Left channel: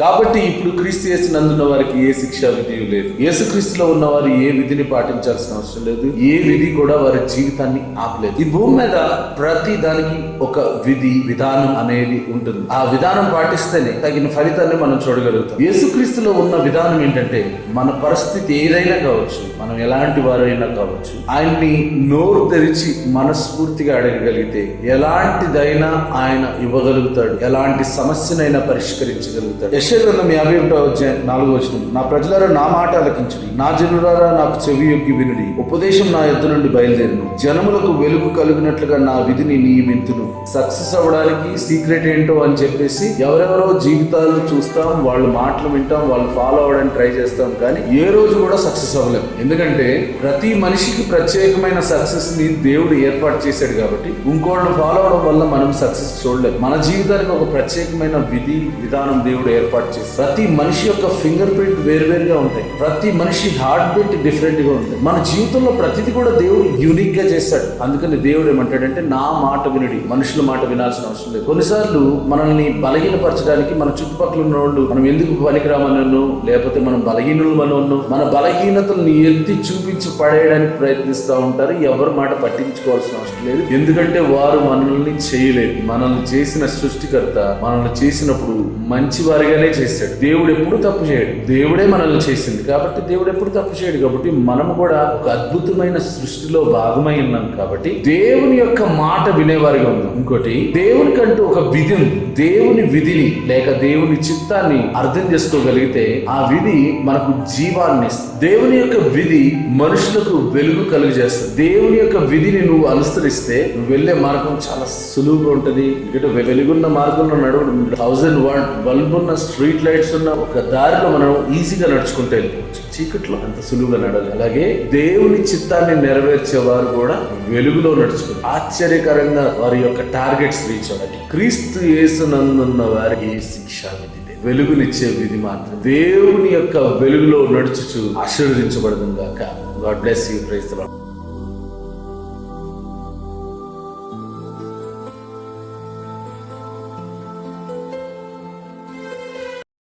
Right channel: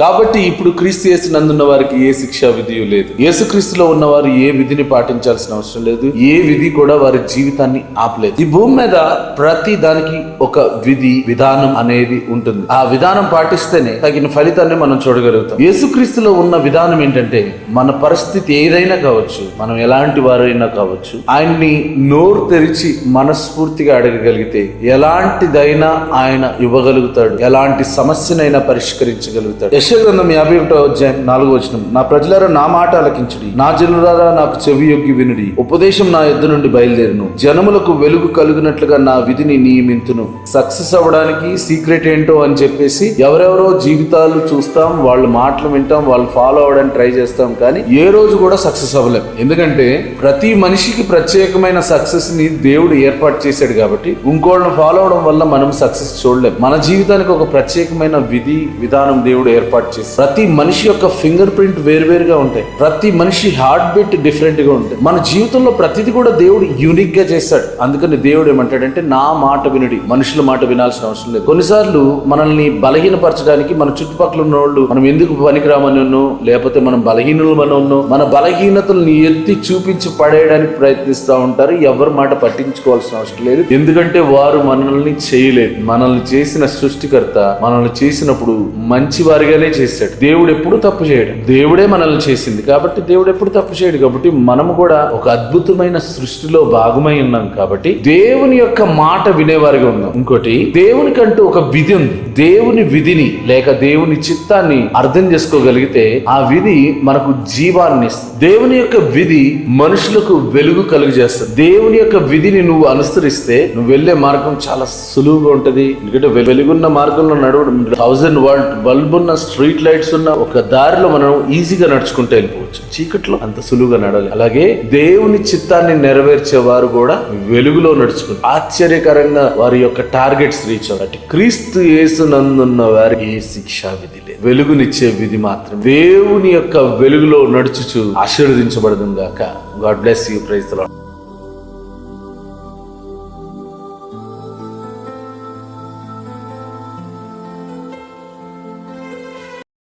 కాబట్టి ఇప్పుడు క్రీస్తు యేసునందున్న వారికి ఏ శిక్షా విధి లేదు. యేసుక్రీస్తులో ఉన్నవారు ఏ విధిని పాటించాల్సిన అవసరం లేదు. ఏ విధి కూడా వారి జీవితాన్ని ఆపలేదు. ఈ భూమి మీద ప్రతి దానికి ఒక విధి విధానం అనేది ఉంటుంది. ఆ విధానం పాటిస్తేనే తగిన ఫలితాన్ని మనం చూడగలుగుతాం. యేసుక్రీస్తులో ఉన్న విధానం ఏంటంటే, మన పరిస్థితి ఏదైనా కావచ్చు, మనం ఎలాంటి వారైనా కావచ్చు, ఆయన్ని నోరు తెరిచి మనస్ఫూర్తిగా అడగగలిగితే ఎలాంటిదైనా ఆయన ఇవ్వగలుగుతాడు. ఎలాంటి సమస్యనైనా పరిష్కరించగలుగుతాడు. యెషయా గ్రంథం 51:4 నా ప్రజలారా నా మాట ఆలకించుడి, నా జనులారా నాకు చెవి యొగ్గి వినుడి. ఉపదేశం నా యొద్ద నుండి బయలుదేరును, జనములకు వెలుగు కలుగునట్లుగా నా విధిని నియమింతును. సక్సెస్ అవ్వడానికి సీక్రెట్ ఏంటో అని చెప్పేసి ఎవరెవరో జీవితాలు చూస్తాం, వాళ్ళ మాటలు వింటాం, వాళ్ళు ఫాలో అవడానికి ట్రై చేస్తాం, కానీ ఏ రోజు కూడా సక్సెస్ అవ్వలేం. ఎందుకంటే ప్రతి మనిషికి ప్రత్యేకమైన సక్సెస్ ని దేవుడు ఏర్పాటు చేశాడు. కాబట్టి ఇంకోళ్ళని ఫాలో అవడం వల్ల మనం సక్సెస్ చూడలేం. మన జీవితానికి ఒక ప్రత్యేకమైన విధి విధానం దేవుడు ఏర్పాటు చేసి, ప్రతి మనిషి యొక్క ఫింగర్ ప్రింట్ వేరువేరుగా ఉంటాయి. ప్రతి మనిషి హార్ట్ బీట్ డిఫరెంట్ గా ఉంటాయి. మన జీవితంలో ప్రతిది కూడా దేవుడు యూనిక్ గా చేస్తాడు. అందుకని దేవుడు ఏమంటాడంటే, నా మాట వినుడి, మనుషుల మాట వినాల్సిన అవసరం లేదు. కొన్నిసార్లు మనల్ని బలహీనపరచడానికి మన చుట్టుపక్కల ఉన్న వాళ్ళు మనం ఎందుకు పనికిరామనో, లేకపోతే మనం బలహీనులమనో, మన బలహీనతల్ని ఎత్తి చూపించి పడేయడానికి ప్రయత్నిస్తూ ఉంటారు. ఎవరి మాట పట్టించుకోవాల్సిన అవసరం లేదు. ఎందుకంటే వారు మనల్ని చేయలేదు. మనల్ని చేసిన సృష్టికర్త మనల్ని చేసినప్పుడు మంచి వారిగానే చేశాడు. దేవుడు ఎప్పుడు తప్పు చేయడు. దేవుడే మనల్ని చేసింది కాబట్టి దేవుడు ఎప్పుడు తప్పు చేయడు. కాబట్టి మనము కూడా ఒక అద్భుతమైన సృష్టిలో భాగమై ఉన్నాం. కాబట్టి దేవుని యొక్క మాట వినేవారిగా ఉన్నాం. ఇంకోటి, దేవునికంటూ ఒక విధి ఉంది. దేవుని విధిని లేక దేవుని చిత్తాన్ని అర్థం చేసుకోగలిగితే ఆ విధి మనకు జీవాన్ని ఇస్తుంది. దేవుని యొక్క విధి మనుషులకు వెలుగు కలుగజేస్తుంది. దేవుని యొక్క విధిని నువ్వు అనుసరిస్తే నువ్వు వెళ్లే మార్గం చాలా సులువుగా ఉంటది. ఎందుకంటే వెలుగున్న మార్గంలో నడవడం, 1000 వాట్ బల్బ్ ఉన్న స్ట్రీట్ లైట్స్ ఉన్న ఒక దారిలో మనం ఈజీగా నడుచుకుంటూ వెళ్ళిపోవచ్చు. చీకట్లో అంత సులువుగా నడవాలి. అలాగే దేవుని చిత్తాన్ని నెరవేర్చే వారు కూడా వెలుగులో నడుచుకుంటారు. ఆశ్చర్యకరంగా వారి యొక్క టార్గెట్స్ రీచ్ అవుతాయి. క్రీస్తు యేసునందున్న వారికి ఏ శిక్షా విధి లేదు. వెలుగునిచ్చే విధి మాత్రం. దేవుని యొక్క వెలుగులో నడుచుచు ఆశీర్వదించబడును గాక. God bless you. Praise the lord.